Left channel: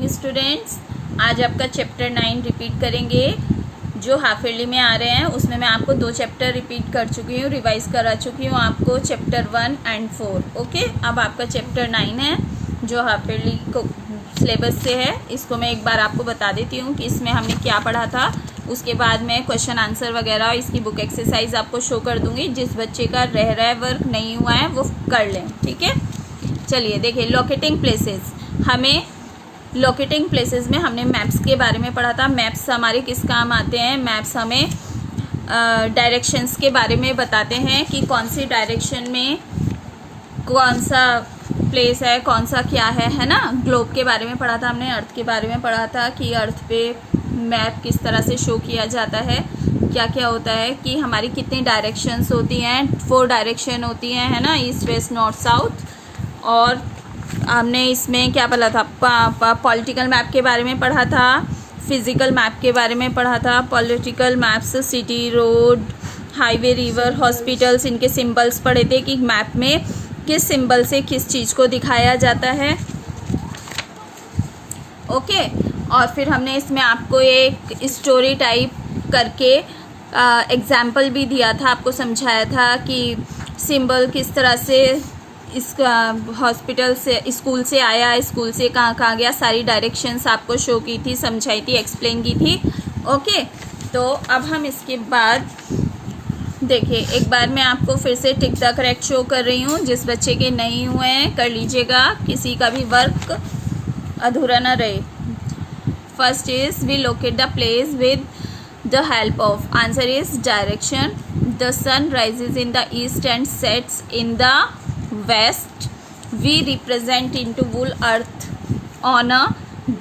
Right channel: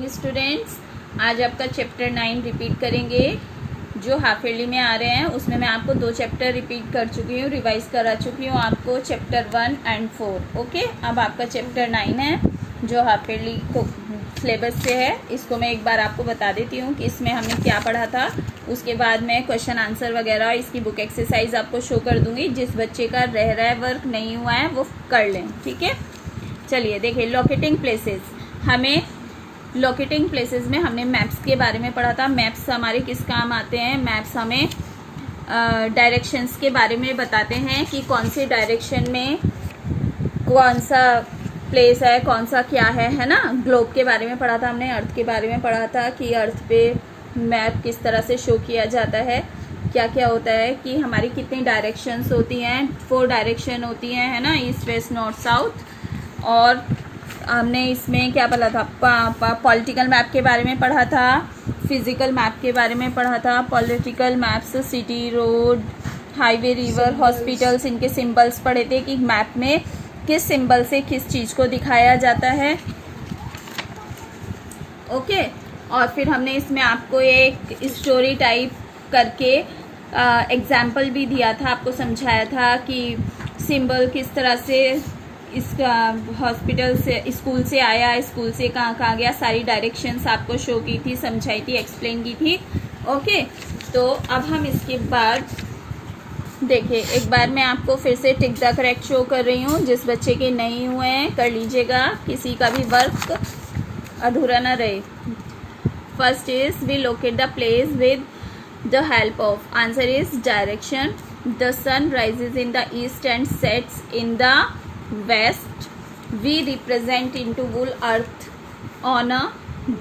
Morning students. आज आपका chapter 9 repeat करेंगे। जो हाफ ईयरली में आ रहे हैं उसमें मैं आपको 2 चैप्टर रिपीट कर चुकी हूँ, रिवाइज करा चुकी हूँ आपको चैप्टर 1 एंड 4। ओके, अब आपका चैप्टर 9 है जो हाफ ईयरली को सिलेबस से है। इसको मैं एक बार आपको बता देती हूँ कि इसमें हमने क्या पढ़ा था। उसके बाद मैं क्वेश्चन आंसर वगैरह इसकी बुक एक्सरसाइज आपको शो कर दूँगी। जिस बच्चे का रह रहा है वर्क नहीं हुआ है वो कर लें, ठीक है। चलिए देखिए, लोकेटिंग प्लेसेस। हमें लोकेटिंग प्लेसेस में हमने मैप्स के बारे में पढ़ा था। मैप्स हमारे किस काम आते हैं? मैप्स हमें डायरेक्शंस के बारे में बताते हैं कि कौन सी डायरेक्शन में कौन सा प्लेस है, कौन सा क्या है ना। ग्लोब के बारे में पढ़ा था हमने, अर्थ के बारे में पढ़ा था कि अर्थ पे मैप किस तरह से शो किया जाता है, क्या क्या होता है, कि हमारी कितनी डायरेक्शंस होती हैं। 4 डायरेक्शन होती हैं, है ना, ईस्ट वेस्ट नॉर्थ साउथ। और हमने इसमें क्या पढ़ा था? पॉलिटिकल मैप के बारे में पढ़ा था, फिजिकल मैप के बारे में पढ़ा था। Political maps city, road, highway, river, hospitals, इनके सिंबल्स पढ़े थे कि मैप में किस सिंबल से किस चीज़ को दिखाया जाता है। ओके, और फिर हमने इसमें आपको एक स्टोरी टाइप करके एग्जाम्पल भी दिया था, आपको समझाया था कि सिंबल किस तरह से इसका हॉस्पिटल से, स्कूल से आया, स्कूल से कहाँ गया, सारी डायरेक्शंस आपको शो की थी, समझाई थी, एक्सप्लेन की थी। ओके, तो अब हम इसके बाद देखिए, एक बार मैं आपको फिर से टिक द करेक्ट शो कर रही हूँ। जिस बच्चे के नहीं हुए हैं कर लीजिएगा, किसी का भी वर्क अधूरा ना रहे। First is we locate the place with the help of. Answer is direction. The sun rises in the east and sets in the west. We represent into whole earth on a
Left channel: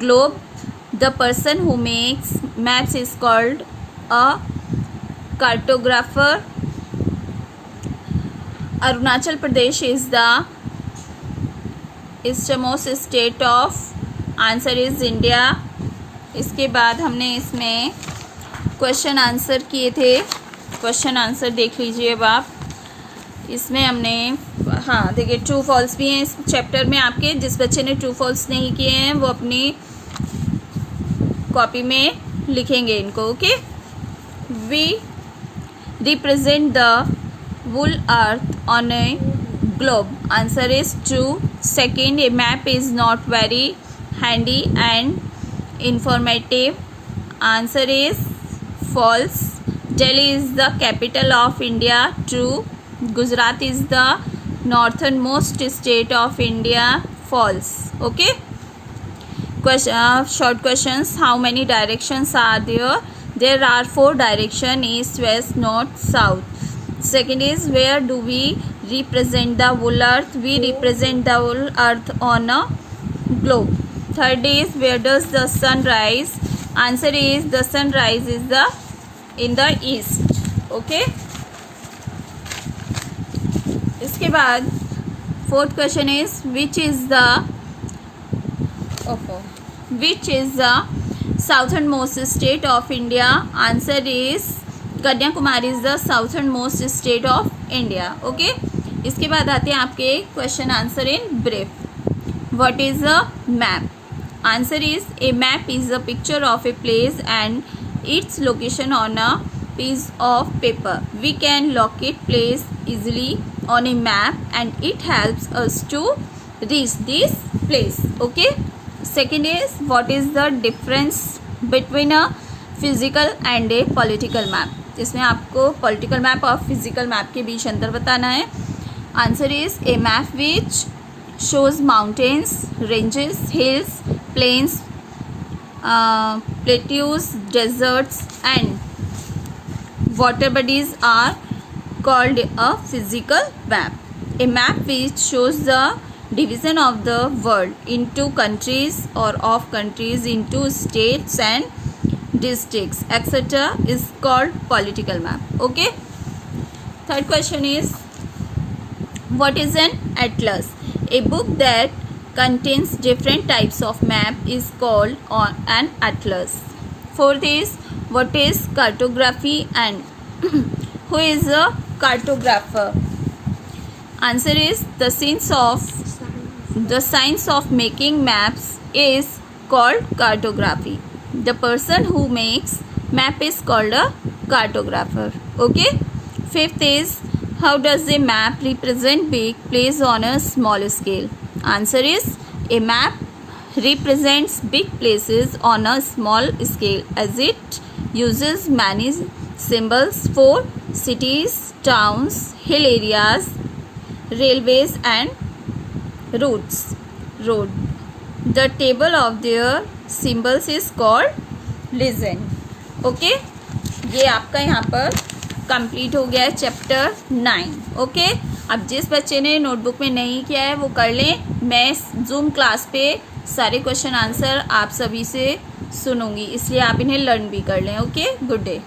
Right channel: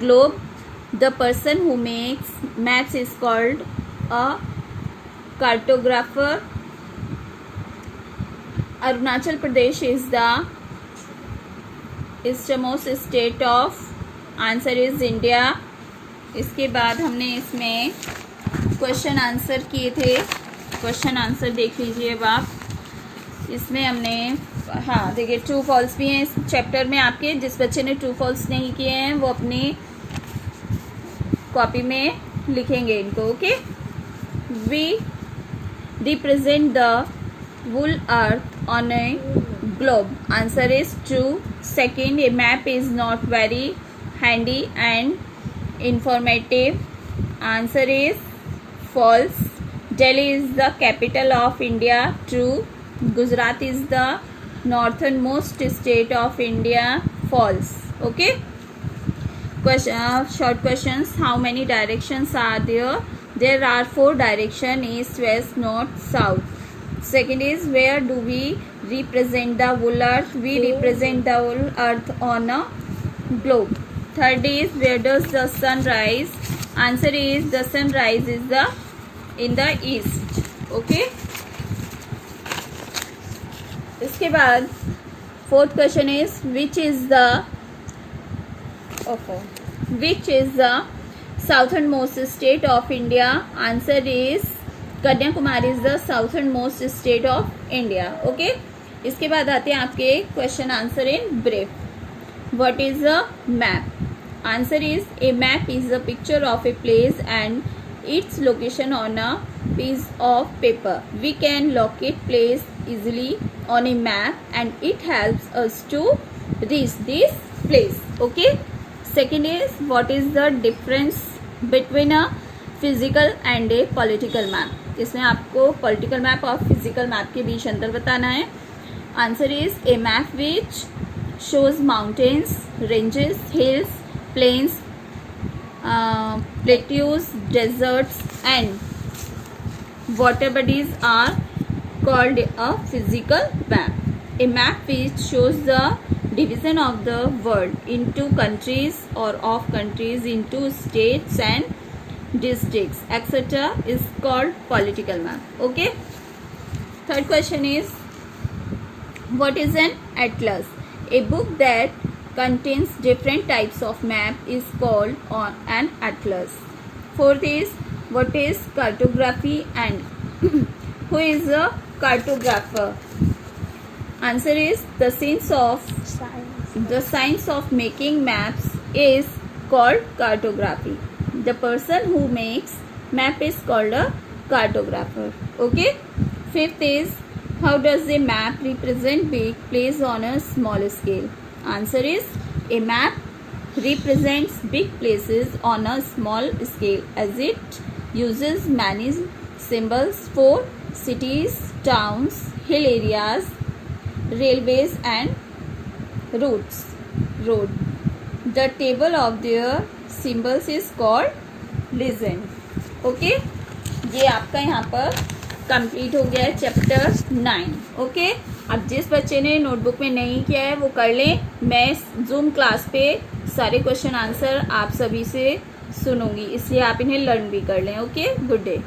globe. The person who makes maps is called a cartographer. Arunachal Pradesh is the easternmost state of. Answer is India. इसके बाद हमने इसमें question answer किए थे। Question answer देख लीजिए अब आप। इसमें हमने, हाँ देखिए, ट्रू फॉल्स भी हैं इस चैप्टर में आपके। जिस बच्चे ने ट्रू फॉल्स नहीं किए हैं वो अपनी कॉपी में लिखेंगे इनको। Okay, we represent the whole earth on a globe. Answer is true. Second, a map is not very handy and informative. Answer is false. Delhi is the capital of India. True. Gujarat is the northernmost state of India. False. Okay. Question, short questions. How many directions are there? There are 4 directions: east, west, north, south. Second is, where do we represent the whole earth? We represent the whole earth on a globe. Third is, where does the sun rise? Answer is, the sun rise is in the east. Okay. इसके बाद fourth question is which is the southern most state of India. Answer is Kanyakumari is the southern most state of India. Okay, इसके बाद आते हैं आपके question answer in brief. What is a map? Answer is, A map is a picture of a place and its location on a piece of paper. We can locate place easily on a map and it helps us to reach this place. Okay. Second is, what is the difference between a physical and a political map? इसमें आपको political map और physical map के बीच अंतर बताना है। Answer is, a map which shows mountains, ranges, hills, plains, plateaus, deserts and water bodies are called a physical map. A map which shows the division of the world into countries or of countries into states and districts etc. is called political map. Okay. Third question is, what is an atlas? A book that contains different types of map is called an atlas. Fourth is, what is cartography and who is a cartographer? Answer is, the science of making maps is called cartography. The person who makes map is called a cartographer. Okay. Fifth is, how does a map represent big place on a small scale? Answer is, a map represents big places on a small scale as it uses many symbols for cities, towns, hill areas, railways and roads. The table of their symbols is called legend. Okay, ये आपका यहाँ पर complete हो गया है chapter 9. Okay, अब जिस बच्चे ने नोटबुक में नहीं किया है वो कर लें. मैं जूम क्लास पे सारे क्वेश्चन आंसर आप सभी से सुनूंगी, इसलिए आप इन्हें लर्न भी कर लें. Okay, good day.